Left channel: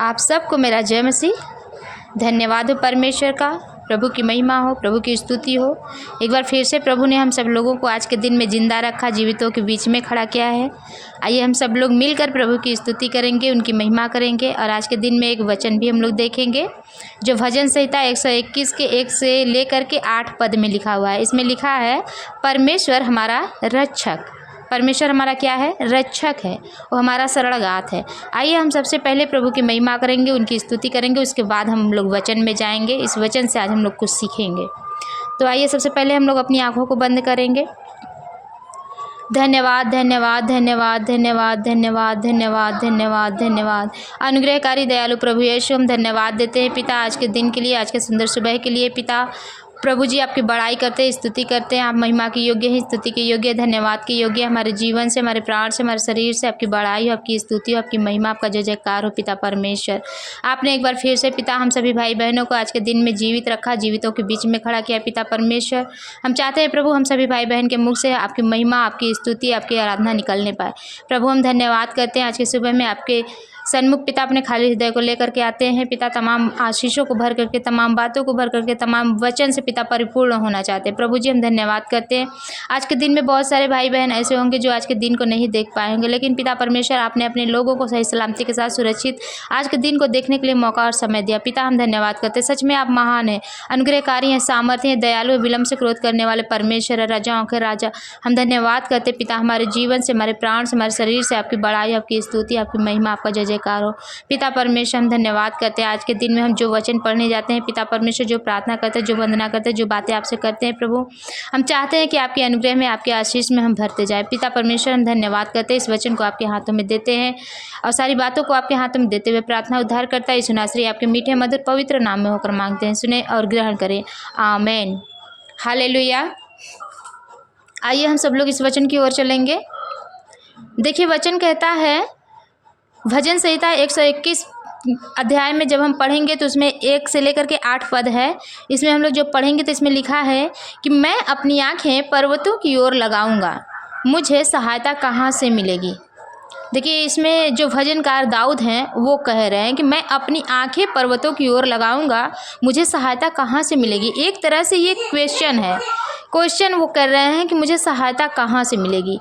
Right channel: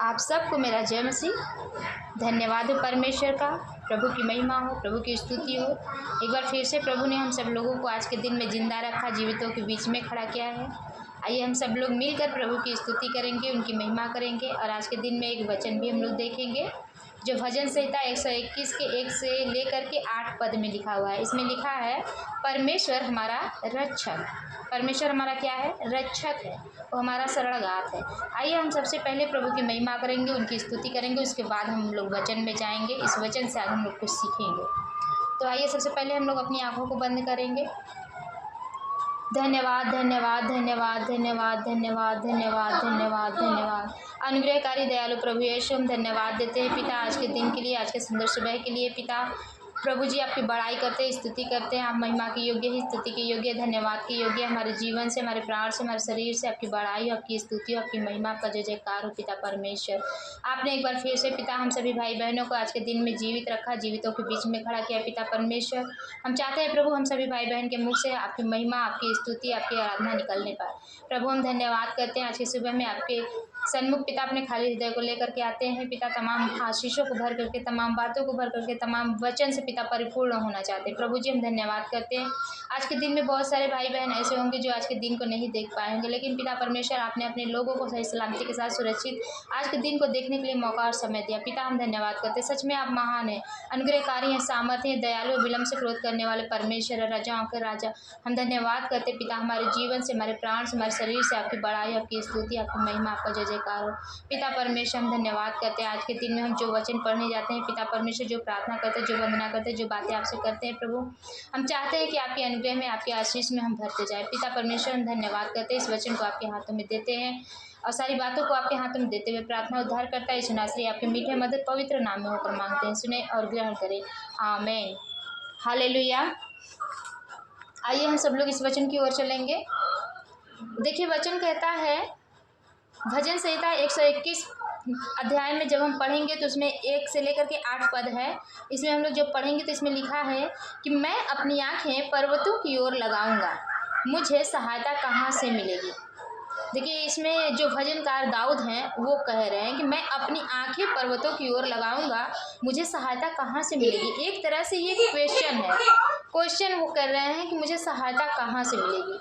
आप सबको मेरा जय मसीह। धन्यवाद हो परमेश्वर का, प्रभु की महिमा हो, प्रभु की स्तुति हो। एक बार फिर से प्रभु ने हम सब लोगों को आज के दिन में जिंदा रखा, जीवितों के बीच में खड़ा किया है। आइए हम सब लोग मिलकर प्रभु की स्तुति करेंगे, उनकी महिमा करेंगे। और आज के दिन में एक वचन भी हम लोग देखेंगे जो भजन संहिता 121 के 1 से लेकर के 8 पद में लिखा हुआ है। इसमें लिखा है, परमेश्वर हमारा रक्षक। परमेश्वर हमारा क्या है? रक्षक है, वो हमारा शरणगात है। आइए हम सबसे पहले प्रभु की महिमा करेंगे, उनकी स्तुति करेंगे, उसके बाद हम लोग वचन में जाएंगे। इस वचन से आज हम लोग कुछ सीखेंगे। तो आइए सबसे पहले हम लोग अपनी आंखों को बंद करेंगे। धन्यवाद धन्यवाद धन्यवाद धन्यवाद धन्यवाद धन्यवाद धन्यवाद धन्यवाद। अनुग्रहकारी दयालु प्रभु यीशु, हम धन्यवाद देते हैं पिता आज के दिन के लिए, आज के सुंदर सुबह के लिए। पिता प्रभु जी आपकी बड़ाई करते हैं, स्तुति करते हैं। आप महिमा के योग्य हैं, स्तुति के योग्य, धन्यवाद के योग्य। हमारे जीवन से, हमारे प्राण से, हमारे शरीर से आपकी बड़ाई हो, आपकी स्तुति हो, आपकी महिमा, आपका जय जयकार हो। पिता परमेश्वर, आपने एक बार फिर से पिता हम सभी भाई बहनों को आज के दिन में जीवित रखा, जीवितों के बीच में खड़ा किया। पिता परमेश्वर, हम चाहते हैं प्रभु हम सभी भाई बहन के मुख से आपकी महिमा, आपकी स्तुति, आपकी आराधना निकलने पाए। प्रभु हम धन्यवाद करते हैं आज के सुबह में आपके सन्मुख पिता अपने खाली हृदय को लेकर के आते हैं। पिता तमाम आशीषों को भर करके, तमाम बातों को भर करके, तमाम वचन से पिता परिपूर्ण होना चाहते हैं। प्रभु जी हम धन्यवाद करते हैं। आज के दिन में बहुत सारे भाई बहन ऐसे होंगे जो आज के दिन को नहीं देख पाएंगे, लेकिन पिता परमेश्वर आपने अपने लोगों को सही सलामती के साथ सुरक्षित आज के दिन को देखने के लिए मौका और समय दिया। पिता हम धन्यवाद करते हैं। सच में आप महान हैं, अनुग्रहकारी हैं, सामर्थ्य हैं, दयालु, विलम्ब से क्रोध करने वाले परमेश्वर है, राजाओं के राजा। हम धन्यवाद करते पिता, हमारे जीवन से, हमारे प्राण से, हमारे शरीर से आपकी बड़ाई, आपकी स्तुति, आपकी महिमा, आपका जय जयकार हो। पिता परमेश्वर हम धन्यवाद करते हैं आज के दिन में हम जो वचन पढ़ने जाते हैं। पिता परमेश्वर, जो प्रार्थना करते हैं, जो वंदना करते हैं, जो बातें आपसे करते हैं प्रभु, हम चाहते हैं कि आपके अनुग्रह में, आपके आशीष में हम भरते जाए। पिता परमेश्वर हम धन्यवाद करते हैं, इस वचन को आपके हाथों में देते हैं और सारी बातों को आपके हाथों में देते हुए प्रार्थना उद्धार करता है सुनाश्री आपके मीठे मधुर पवित्र नाम में होकर मांगते हैं, सुने और ग्रहण करें, आमीन। हालेलुया। आइए हम सब लोग इस वचन की ओर चलेंगे। देखिए वचन कहता है, भजन संहिता 121 अध्याय में जब हम पढ़ेंगे तो उसमें 1 से लेकर के 8 पद है। इसमें हम लोग जो पढ़ेंगे तो इसमें लिखा है कि मैं अपनी आंखें पर्वतों की ओर लगाऊंगा, मुझे सहायता कहाँ से मिलेगी। देखिए इसमें जो भजनकार दाऊद हैं वो कह रहे हैं कि मैं अपनी आंखें पर्वतों की ओर लगाऊंगा, मुझे सहायता कहाँ से मिलेगी। एक तरह से ये क्वेश्चन है, क्वेश्चन वो कर रहे हैं कि मुझे सहायता कहाँ से मिलेगी।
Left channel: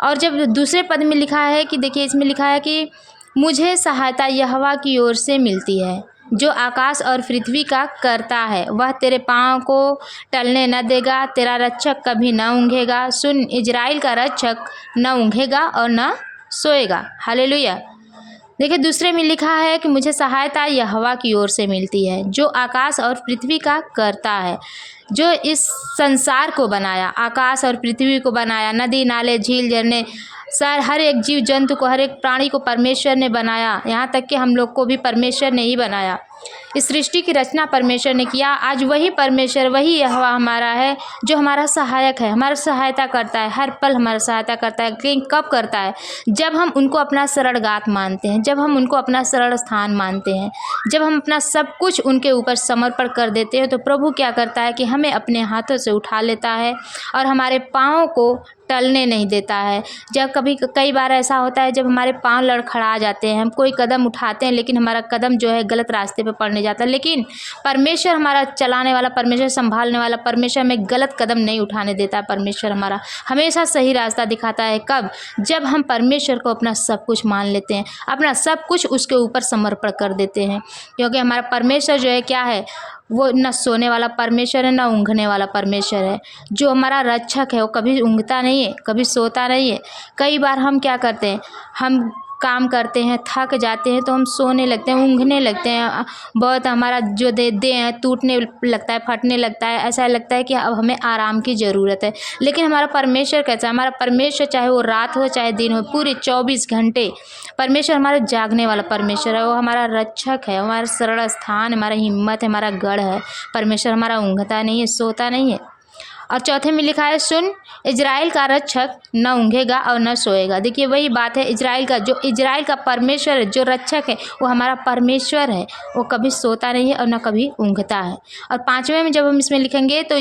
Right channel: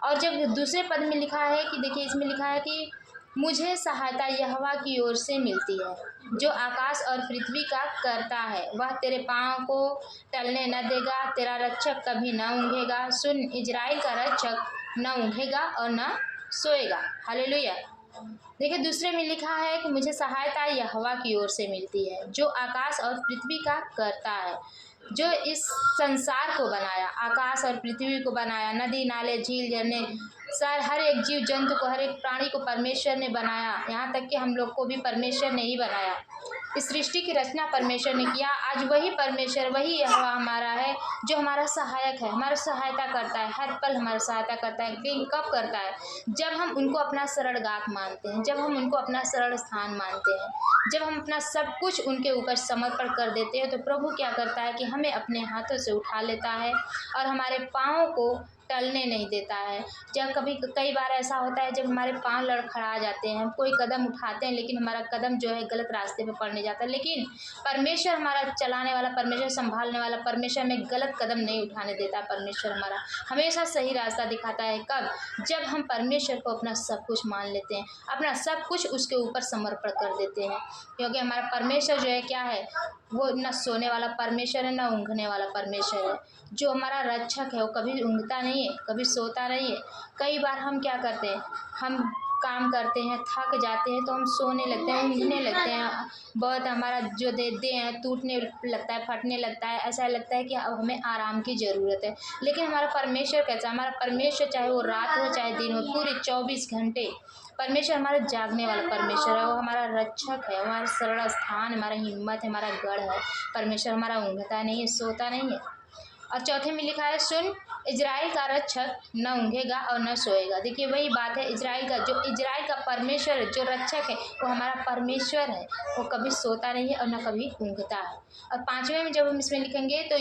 और जब दूसरे पद में लिखा है कि देखिए इसमें लिखा है कि मुझे सहायता यहोवा की ओर से मिलती है, जो आकाश और पृथ्वी का करता है। वह तेरे पाँव को टलने न देगा, तेरा रक्षक कभी न ऊँघेगा। सुन, इजराइल का रक्षक न ऊँघेगा और न सोएगा। हालेलुया। देखिए दूसरे में लिखा है कि मुझे सहायता यहोवा की ओर से मिलती है, जो आकाश और पृथ्वी का करता है, जो इस संसार को बनाया, आकाश और पृथ्वी को बनाया, नदी नाले झील झरने, हर एक जीव जंतु को, हर एक प्राणी को परमेश्वर ने बनाया। यहाँ तक कि हम लोग को भी परमेश्वर ने ही बनाया। इस सृष्टि की रचना परमेश्वर ने किया। आज वही परमेश्वर, वही यहोवा हमारा है, जो हमारा सहायक है, हमारा सहायता करता है, हर पल हमारा सहायता करता है। लेकिन कब करता है? जब हम उनको अपना शरणगात मानते हैं, जब हम उनको अपना शरण स्थान मानते हैं, जब हम अपना सब कुछ उनके ऊपर समर्पण कर देते हैं, तो प्रभु क्या करता है कि हमें अपने हाथों से उठा लेता है और हमारे पाँव को टलने नहीं देता है। जब कई बार ऐसा होता है जब हमारे पाँव लड़खड़ा जाते हैं, हम कोई कदम उठाते हैं लेकिन हमारा कदम जो है गलत रास्ते पे पड़ने जाता है, लेकिन परमेश्वर हमारा चलाने वाला, परमेश्वर संभालने वाला, परमेश्वर हमें गलत कदम नहीं उठाने देता। परमेश्वर हमारा हमेशा सही रास्ता दिखाता है। कब? जब हम परमेश्वर को अपना सब कुछ मान लेते हैं, अपना सब कुछ उसके ऊपर समर्पण कर देते हैं। क्योंकि हमारा परमेश्वर जो है क्या है, वो न सोने वाला परमेश्वर है, न ऊँघने वाला परमेश्वर है। जो हमारा रक्षक है वो कभी ऊँघता नहीं है, कभी सोता नहीं है। कई बार हम क्या करते हैं, हम काम करते हैं, थक जाते हैं तो हम सोने लगते हैं, ऊँघने लगते हैं। बहुत हमारा जो देह है टूटने लगता है, फटने लगता है, ऐसा लगता है कि अब हमें आराम की ज़रूरत है। लेकिन हमारा परमेश्वर कैसा है? हमारा परमेश्वर चाहे वो रात हो चाहे दिन हो, पूरे 24 घंटे परमेश्वर हमारा जागने वाला परमेश्वर है। वो हमारा रक्षक है, हमारा शरण स्थान, हमारा हिम्मत है, हमारा गढ़ है। परमेश्वर हमारा ऊँघता नहीं है, सोता नहीं है। और चौथे में लिखा है, सुन, इजराइल का रक्षक न ऊँघेगा और न सोएगा। देखिए वही बात है, इजराइल का, जो इजराइल का परमेश्वर है, जो रक्षक है, वो हमारा परमेश्वर है। वो कभी सोता नहीं है और न कभी ऊँघता है। और पाँचवें में जब हम इसमें लिखेंगे तो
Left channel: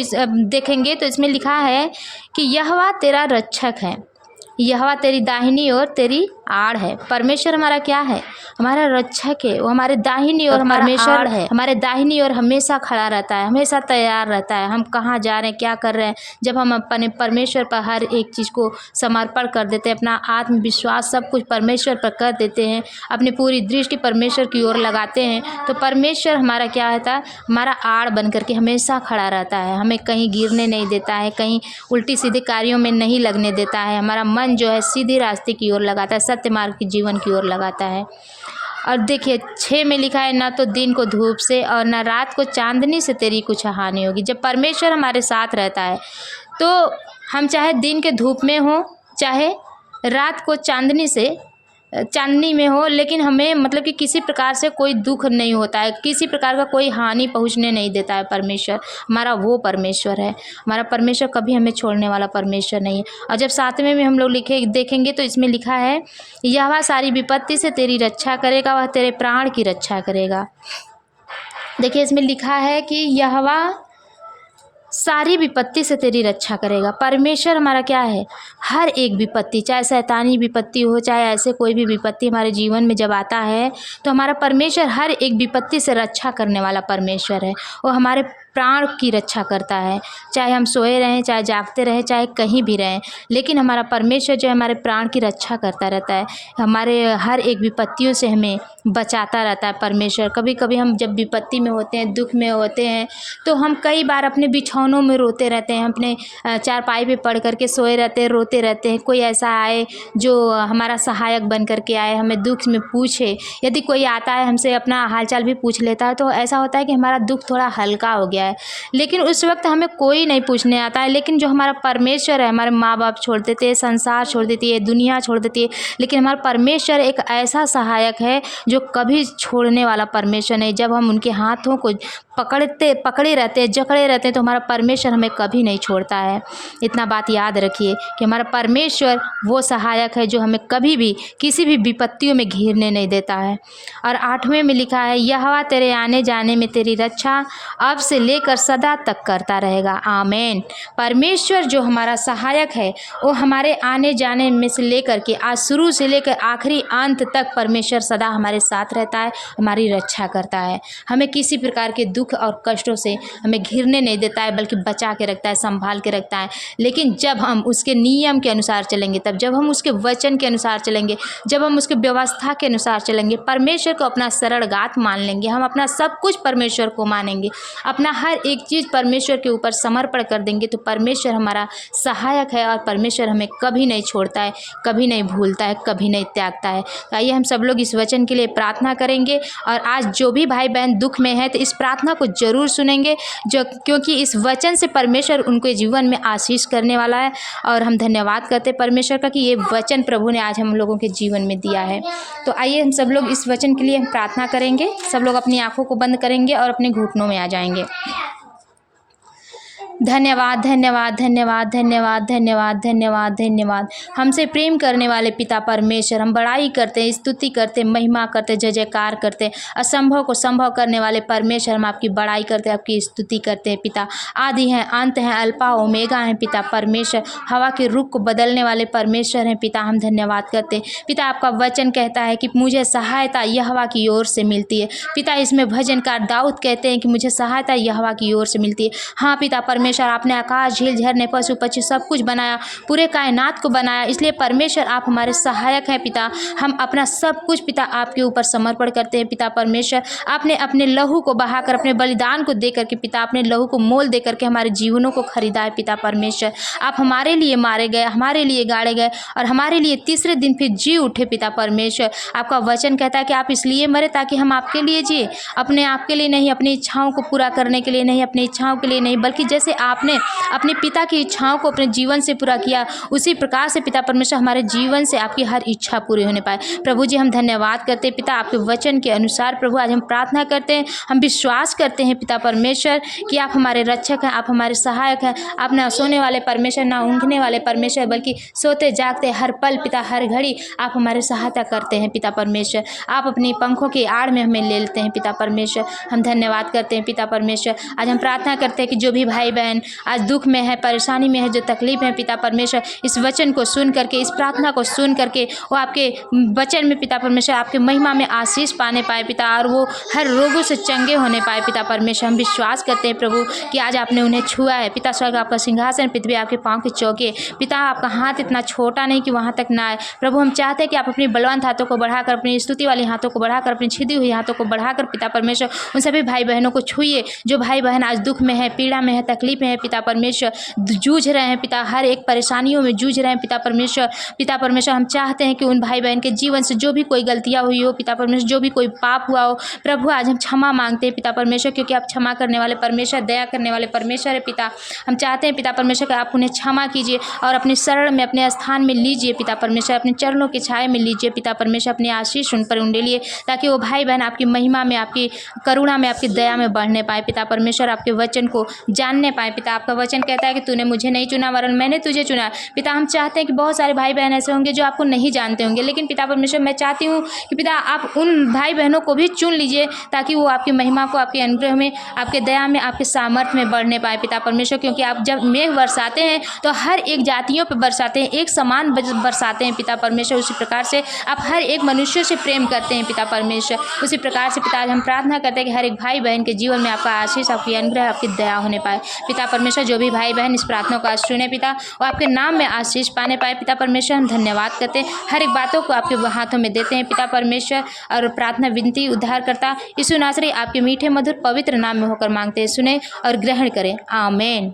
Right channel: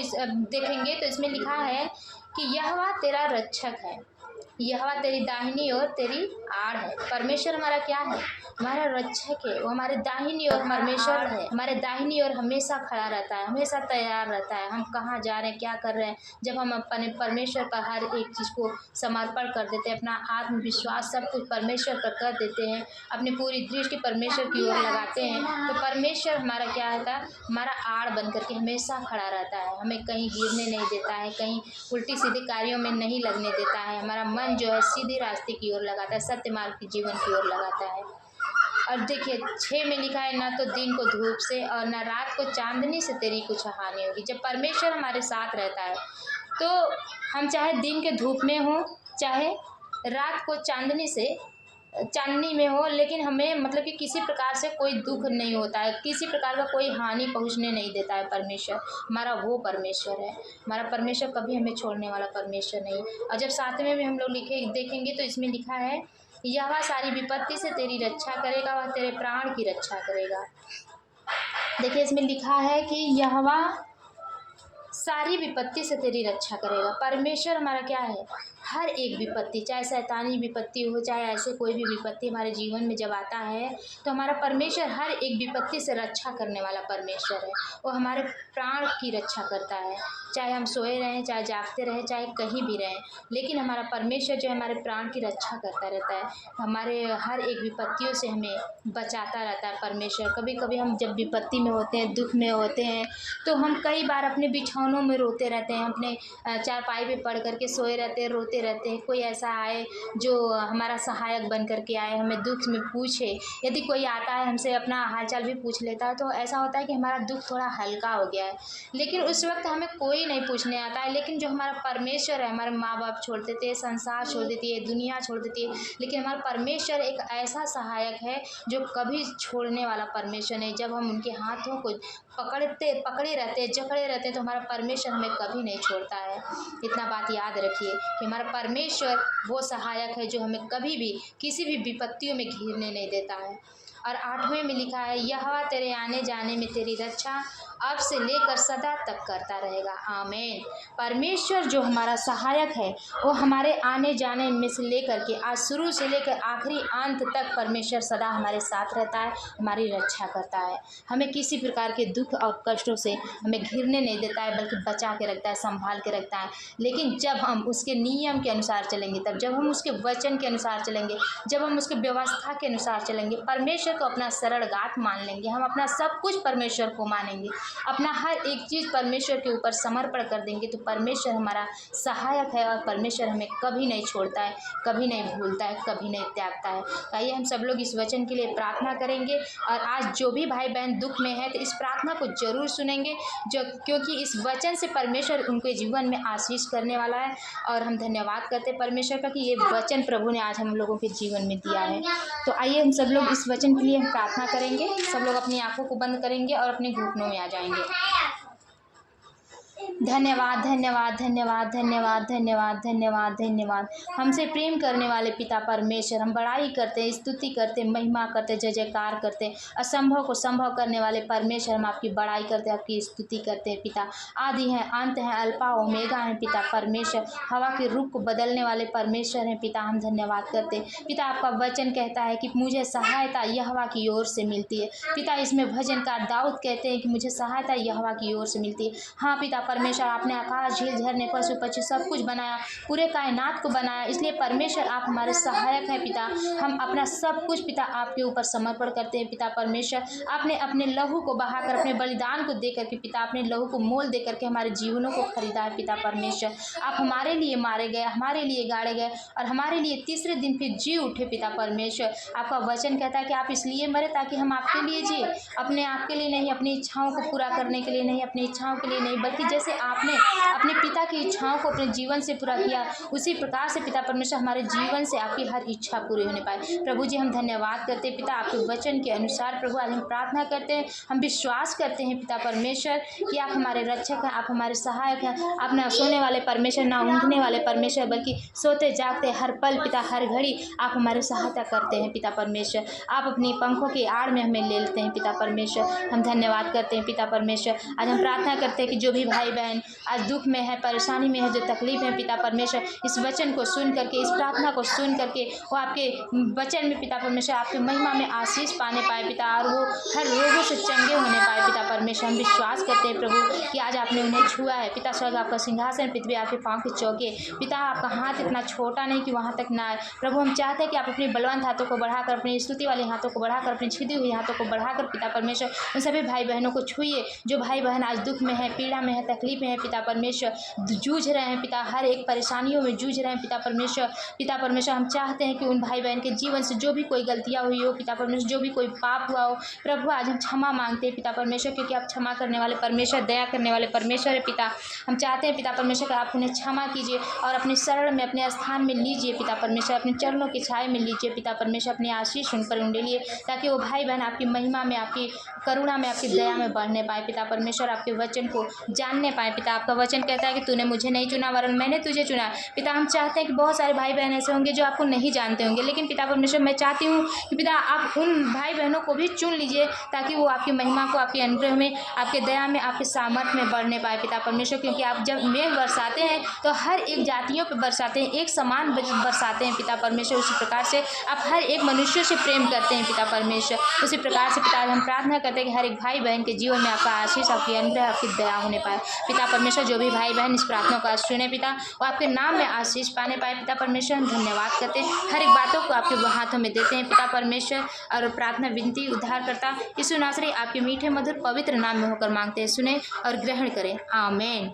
देखेंगे तो इसमें लिखा है कि यहोवा तेरा रक्षक है, यहोवा तेरी दाहिनी ओर तेरी आड़ है। परमेश्वर हमारा क्या है? हमारा रक्षक है। वो हमारे दाहिनी ओर परमेश्वर है, हमारे दाहिनी ओर हमेशा खड़ा रहता है, हमेशा तैयार रहता है। हम कहाँ जा रहे हैं, क्या कर रहे हैं, जब हम अपने परमेश्वर पर हर एक चीज़ को समर्पण कर देते हैं, अपना आत्मविश्वास सब कुछ परमेश्वर पर कर देते हैं, अपनी पूरी दृष्टि परमेश्वर की ओर लगाते हैं, तो परमेश्वर हमारा क्या होता है? हमारा आड़ बन करके हमेशा खड़ा रहता है। हमें कहीं गिरने नहीं देता है, कहीं उल्टी सीधे कार्यों में नहीं लगने देता है। हमारा मन जो है सीधे रास्ते की ओर लगाता है, सत्य मार्ग की जीवन की ओर लगाता है। और देखिए 6 में लिखा है, ना तो दिन को धूप से और ना रात को चांदनी से तेरी कुछ हानि होगी। जब परमेश्वर हमारे साथ रहता है तो हम चाहे दिन के धूप में हो, चाहे रात को चांदनी में हो, लेकिन हमें मतलब कि किसी प्रकार से कोई दुख नहीं होता है, किसी प्रकार का कोई हानि पहुंचने नहीं देता है। परमेश्वर हमारा वो परमेश्वर है। हमारा परमेश्वर कभी हमें छोड़ने वाला परमेश्वर नहीं है। और जब 7वें में हम लोग देखेंगे तो इसमें लिखा है, यहोवा सारी विपत्ति से तेरी रक्षा करेगा, वह तेरे प्राण की रक्षा करेगा। देखिए इसमें लिखा है कि यहोवा सारी विपत्ति से तेरी रक्षा करेगा। परमेश्वर हमारा क्या है? हर एक विपत्ति, चाहे शैतानी विपत्ति हो, चाहे ऐसे कोई भी विपत्ति हमारे जीवन में जब आता है तो हमारा परमेश्वर हर एक विपत्ति से रक्षा करने वाला परमेश्वर है। वो हमारे प्राण की रक्षा करता है, चाहे हम सोए रहें, चाहे जागते रहें, चाहे कहीं भी रहें, लेकिन हमारा परमेश्वर जो है हमारे प्राण की रक्षा करता रहता है। हमारे हर एक विपत्तियों से हमें बचाता रहता है परमेश्वर। कभी कभी हम जब विपत्ति में होते हैं, दुख में होते हैं, तो हम कई बार अपने बिछौनों में रोते रहते हैं, अपने चारपाई पे पड़ करके सोए रहते हैं, रोते रहते हैं। कोई ऐसा आए जो हमारा सहायक बन करके आए, हमें दुख में पूछे। यदि कोई आता है हमसे अपना हालचाल भी पूछ लेता है तो ऐसा होता है कि हमारा दुख थोड़ा हल्का हो गया है। लेकिन उस वक्त हमें कोई नहीं पूछने आता है, लेकिन जो हमारा परमेश्वर है, हमारे माँ बाप छोड़ देते हैं, संसार छोड़ देती है, दुनिया छोड़ देती है, लेकिन हमारा परमेश्वर एक ऐसा सहायक है जो कभी छोड़ने वाला परमेश्वर नहीं। जब हम उनके हाथों को पकड़े रहते हैं, जकड़े रहते हैं, तो हमारा परमेश्वर हमें कभी नहीं छोड़ता है। इतना बात याद रखिए कि हमारा परमेश्वर वो सहायक है जो हमें कभी भी किसी भी विपत्तियों में घिरने नहीं देता है। और 8वें में लिखा है, यहोवा तेरे आने जाने में तेरी रक्षा अब से लेकर सदा तक करता रहेगा। आमीन। परमेश्वर जो हमारा सहायक है वो हमारे आने जाने में से लेकर के आज शुरू से लेकर आखिरी अंत तक परमेश्वर सदा हमारे साथ रहता है, हमारी रक्षा करता है। हमें किसी प्रकार के दुख और कष्टों से हमें घिरने नहीं देता है, बल्कि बचा के रखता है, संभाल के रखता है। लेकिन जब हम उसके नियम के अनुसार चलेंगे, तब जब हम उसके वचन के अनुसार चलेंगे, जब हम उसके व्यवस्था के अनुसार चलेंगे, परमेश्वर को अपना सरल गात मान लेंगे, हम अपना सब कुछ परमेश्वर को मानेंगे, अपना हर एक चीज़ परमेश्वर के ऊपर समर्पण कर देंगे, तो परमेश्वर हमारा सहायक है और परमेश्वर हमें कभी नहीं छोड़ता है, कभी नहीं भूलता है, कभी नहीं त्यागता है। तो आइए हम सब लोग इस वचन के लिए प्रार्थना करेंगे। और आज जो भी भाई बहन दुख में है तो इस प्रार्थना को जरूर सुनेंगे, क्योंकि इस वचन से परमेश्वर उनके जीवन में आशीष करने वाला है। और हम धन्यवाद करते हैं परमेश्वर का कि ये वचन प्रभु ने आज हम लोगों के जीवन में दिया है। तो आइए हम सब लोग इस वचन के लिए हम प्रार्थना करेंगे। सब लोग अपनी आंखों को बंद करेंगे और अपने घुटनों में आ जाएंगे। धन्यवाद धन्यवाद धन्यवाद धन्यवाद धन्यवाद धन्यवाद धन्यवाद। हमसे प्रेम करने वाले पिता परमेश्वर, हम बड़ाई करते हैं, स्तुति करते हैं, महिमा करते हैं, जय जयकार करते हैं। असंभव को संभव करने वाले परमेश्वर, हम आपकी बड़ाई करते हैं, आपकी स्तुति करते हैं पिता। आदि हैं, अंत हैं, अल्फा ओमेगा हैं पिता परमेश्वर। हवा के रुख को बदलने वाले परमेश्वर हैं पिता, हम धन्यवाद करते हैं पिता। आपका वचन कहता है कि मुझे सहायता यहोवा की ओर से मिलती है पिता। इसमें भजनकार दाऊद कहते हैं कि मुझे सहायता यहोवा की ओर से मिलती है। हाँ पिता परमेश्वर, आपने आकाश, झील, झरने, पशु पक्षी सब कुछ बनाया, पूरे कायनात को बनाया, इसलिए परमेश्वर आप हमारे सहायक हैं पिता। हम अपना सब कुछ पिता आपके ऊपर समर्पण करते हैं पिता परमेश्वर। आपने अपने लहू को बहाकर, अपने बलिदान को देकर के पिता, अपने लहू को मोल देकर के हमारे जीवनों को खरीदा है पिता परमेश्वर। आप हमारे लिए मारे गए, हमारे लिए गाड़े गए और हमारे लिए तीसरे दिन फिर जी उठे पिता परमेश्वर। आपका वचन कहता है कि आप इसलिए मरे ताकि हम आपके लिए जिए, अपने आप के लिए नहीं, अपनी इच्छाओं को पूरा करने के लिए नहीं, अपनी इच्छाओं के लिए नहीं, बल्कि जैसे आपने अपने पिता की इच्छाओं को अपने जीवन से पूरा किया, उसी प्रकार से पिता परमेश्वर हमारे जीवन से आपकी हर इच्छा पूरी होने पाए। प्रभु जी हम धन्यवाद करते हैं पिता, आपके वचन के अनुसार प्रभु आज हम प्रार्थना करते हैं, हम विश्वास करते हैं पिता परमेश्वर कि आप हमारे रक्षक हैं, आप हमारे सहायक हैं। आप ना सोने वाले परमेश्वर, ना ऊँघने वाले परमेश्वर, बल्कि सोते जागते हर पल पिता, हर घड़ी आप हमारी सहायता करते हैं पिता परमेश्वर। आप अपनी पंखों की आड़ में हमें ले लेते हैं पिता परमेश्वर। हम धन्यवाद करते हैं पिता परमेश्वर। आज हम प्रार्थना करते हैं कि जो भी भाई बहन बहन आज दुख में है, परेशानी में है, जो तकलीफ है पिता परमेश्वर, इस वचन को सुन करके, इस प्रार्थना को सुन करके वो आपके वचन में पिता परमेश्वर आपके महिमा में आशीष पाने पाए पिता, और वो हर रोगों से चंगे होने पाए पिता परमेश्वर। हम विश्वास करते हैं प्रभु कि आज आपने उन्हें छुआ है पिता। स्वर्ग आपका सिंहासन, पृथ्वी आपके पाँव के चौके पिता। आपका हाथ इतना छोटा नहीं कि वहाँ तक ना आए प्रभु। हम चाहते हैं कि आप अपनी बलवंत हाथों को बढ़ाकर, अपनी स्तुति वाली हाथों को बढ़ाकर, अपनी छिदी हुई हाथों को बढ़ाकर पिता परमेश्वर उन सभी भाई बहनों को छुइए जो भाई बहन आज दुख में है, पीड़ा में है, तकलीफ में है पिता परमेश्वर, जूझ रहे हैं पिता, हर एक परेशानियों में जूझ रहे हैं पिता परमेश्वर। पिता परमेश्वर हम चाहते हैं कि उन भाई बहन के जीवन से जो भी कोई गलतियाँ हुई हो पिता परमेश्वर, जो भी कोई पाप हुआ हो प्रभु, आज हम क्षमा मांगते हैं पिता परमेश्वर, क्योंकि आप क्षमा करने वाले परमेश्वर, दया करने वाले परमेश्वर है पिता। हम चाहते हैं पिता परमेश्वर कि आप उन्हें क्षमा कीजिए और अपनी शरण में, अपने स्थान में लीजिए पिता परमेश्वर, अपने चरणों की छाया में लीजिए पिता परमेश्वर, अपनी आशीष उन पर उंडेलिए ताकि वो भाई बहन आपकी महिमा में, आपकी करुणा में, आपकी दया में बढ़ने पाए पिता परमेश्वर, आपके वचन को जानने पाए पिता। आपका वचन कहता है कि तूने मुझे नहीं चुना वरन मैंने तुझे चुना पिता। हम चाहते हैं कि बहुत सारे भाई बहन ऐसे होंगे जो आपको नहीं जानते होंगे, लेकिन पिता परमेश्वर मैं चाहती हूँ कि पिता आप उन भाई बहनों को भी चुन लीजिए ताकि वो आपकी महिमा को, आपके अनुग्रह में, आपके दया में, आपके सामर्थ्य में बढ़ने पाए पिता परमेश्वर। क्योंकि आप जब मेघ बरसाते हैं तो हर एक जातियों पर बरसाते हैं, एक समान बरसाते हैं पिता परमेश्वर। उसी प्रकार से आप हर एक मनुष्य से प्रेम करते हैं पिता परमेश्वर। उसी प्रकार से पिता हम प्रार्थना करते हैं कि हर एक भाई बहन के जीवन में आपका आशीष, आपकी अनुग्रह, आपकी दया होने पाए पिता परमेश्वर। जो भी भाई बहन इस प्रार्थना को आज सुने पिता, और आपके नाम में आशीष पाने पाए पिता परमेश्वर। हम धन्यवाद करते हैं, हर एक बातों को आपके हाथों में देते हैं पिता परमेश्वर, और प्रार्थना विनती उद्धार करता यीशु नासरी आपके मीठे मधुर पवित्र नाम में होकर मांगते हैं, सुने और ग्रहण करें, आमीन।